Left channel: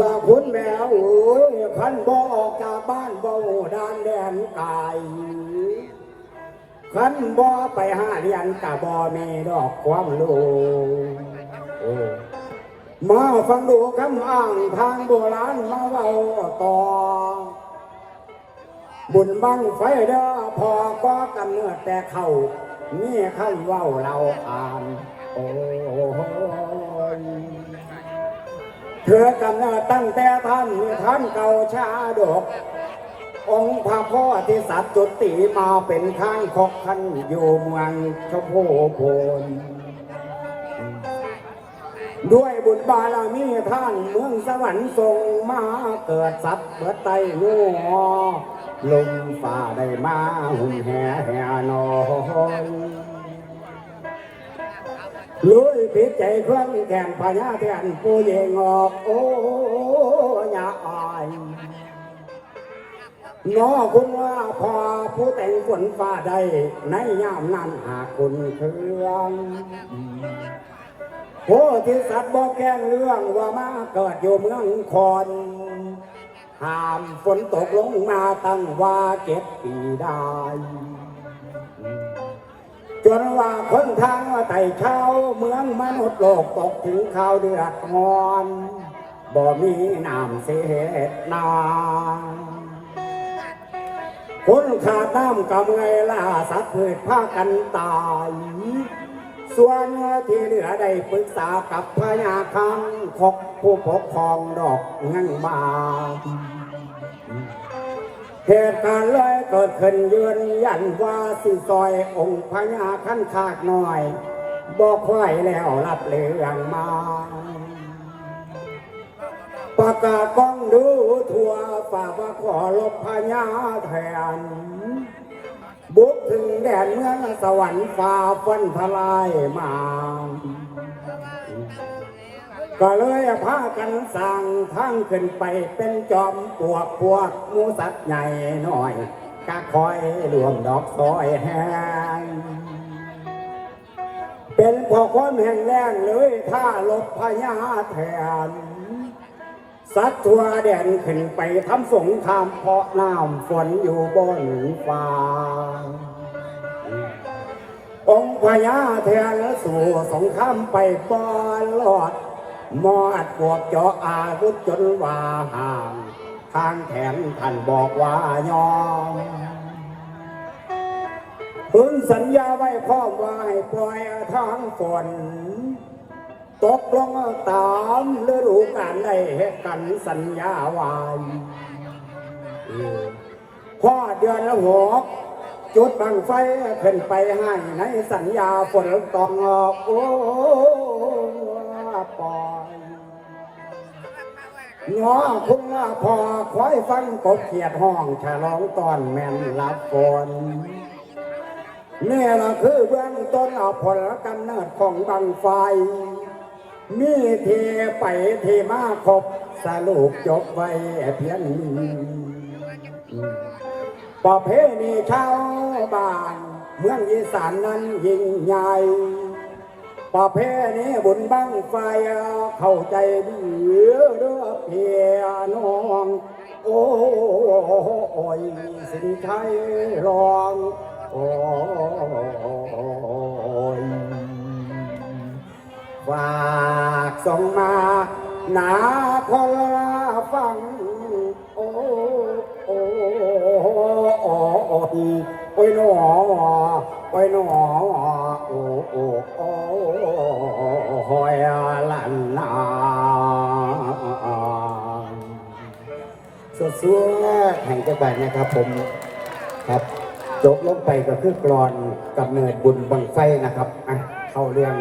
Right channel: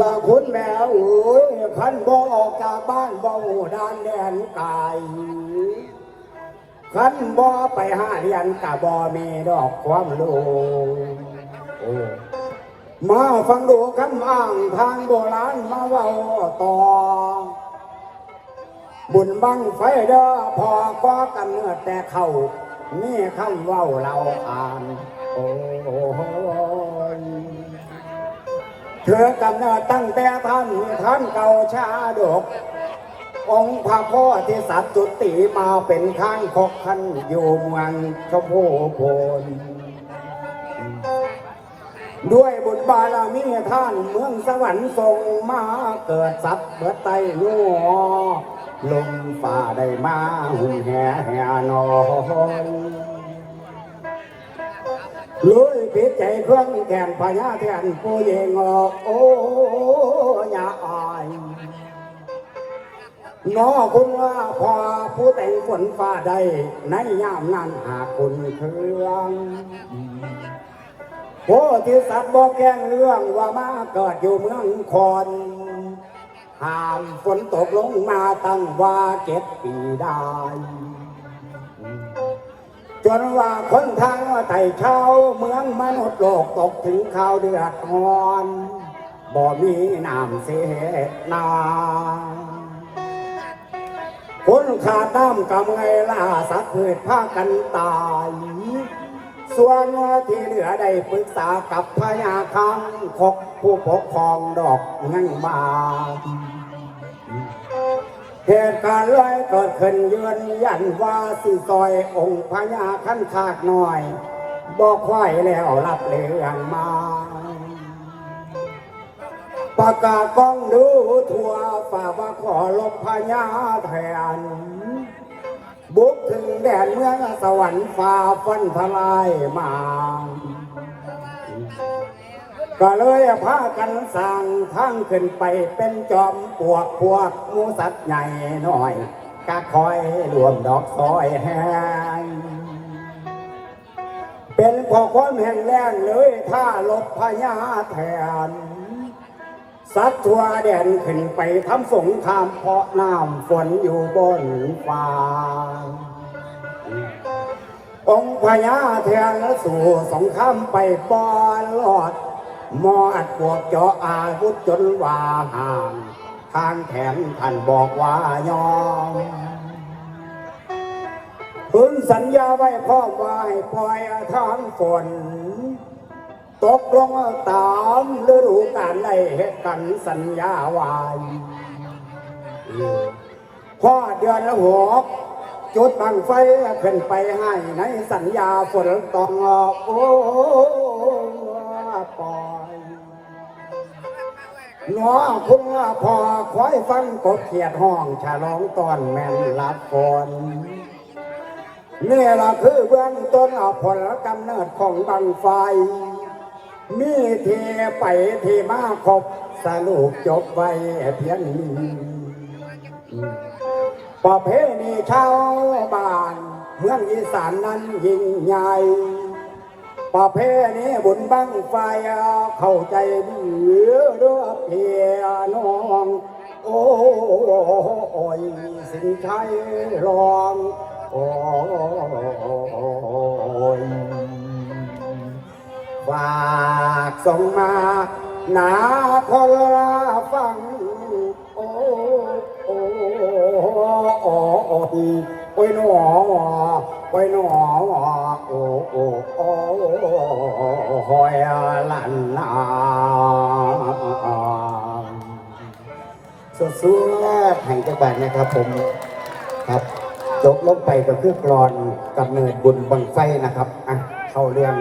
ลาคุณแม่เอ้ยขันบ่ออกจากบ้านบ่หูด้านเรียนกายขันบ่ไปหาเรียนกะบ่มีดอกความรู้โอ้มาฟังดูคำอ้างทางโบราณมาเว้าต่อ บุญบังไฟเด้อพอก็กำเนิดแต่เขา นี่คำเว้าเราอ่านโอ้ยเธอกำเนิดตั้งแต่ท่านท่านเก่าชาดก องค์พระพ่อที่สัตว์จุติมาเป็นข้างคกขันอยู่เมืองชมพูโพนด้วยบุญบารมีท่านเมืองสวรรค์ทรงมาเกิดสัตว์เบิดไตนัว ลมฝ่าได้มาหุ่นแห่แห่นอยลุยปิดใจเครื่องแขนพญาแทนผู้เยงออกโอ้ยาอายน้อคุณว่าพอผู้แต่งฝนฟ้าใดในยามนั้นหากคุณเครื่องโพธิสัตว์บอกแกงเรื่องว่ามาเกิดอยู่เมืองคอน ห้ามฝนตกลงมาตั้งว่าเจ็ดปีได้จนว่าคนทางไต่เช้าเมืองมนุษย์โลกตกถึงข่าวเดือดร้อนบ่มีน้ำเสียนาคนขาดน้ำกำไงล่าสัตว์เกิดพากันตาย ส่วนที่เหลือได้ปรึกษากับพญาคังคกผู้ปกครองดอกงังมาเหตุการณ์เลยเกิดขึ้นเยือนยันว่าสิซอยองค์พญาขั้นขาดหน่อย บอกไหวแล้วรับเรื่องมา ประกาศก้องดูทั่วฝากว่าขอลบพญาแทน บุกถึงแดนเมืองสวรรค์ฟ้าฟันทลายมา ก็เลยพากันสั่งทางขึ้นไปเป็นจอมปวกพวกมูสัตว์ใหญ่หน่อยก็คอยรวมดอกซอยแห้งเป็นพอความแห่งแรงเลยถ้าลบพญาแทน สัตว์ทัวแดนขึ้นไปทำสงครามเพราะน้ำฝนอยู่บนฟ้าองค์พญาเทียนสู่สงครามไปบอลลอด มอดพวกเจาะอาวุธจนว่าห่างทางแขนท่านบอกว่ายอมพึงสัญญาไว้พ่อว่าให้ปล่อยทางฝน ตกลงตามฤดูกาลได้เหตุกันสัญญาไว้พ่อเดือนละหกจุดบังไฟขึ้นไปให้ในสัญญาฝนต้องออกโอ้ปล่อยน้องคงว่าพอคอยฟังกบเขียดห้องฉลองตอนแม่นรับฝนนี่ละคือเบื้องต้นอผลกำเนิดของบังไฟ มีเทไปเทมาครบสรุปจบไว้เพียงนี้ประเพณีชาวบ้านเมืองอีสานนั้นยิ่งใหญ่ประเพณีบุญบังไฟเข้าใจดีเรือเพียน้องโอ้ยสินชัยรองโอ้ยฝา ส่งมาหนาพลฟังโอ้โอ้โอ้โอ้ยหนอโอ้ยหนอโอ้โอ้โอ้หอยลันนาสู้แรกแห่งจังหวัดนะครับผมครับจบลงไปก็คือกรอนกำเนิดบุญบังไฟนะครับอะเข้าเรื่อง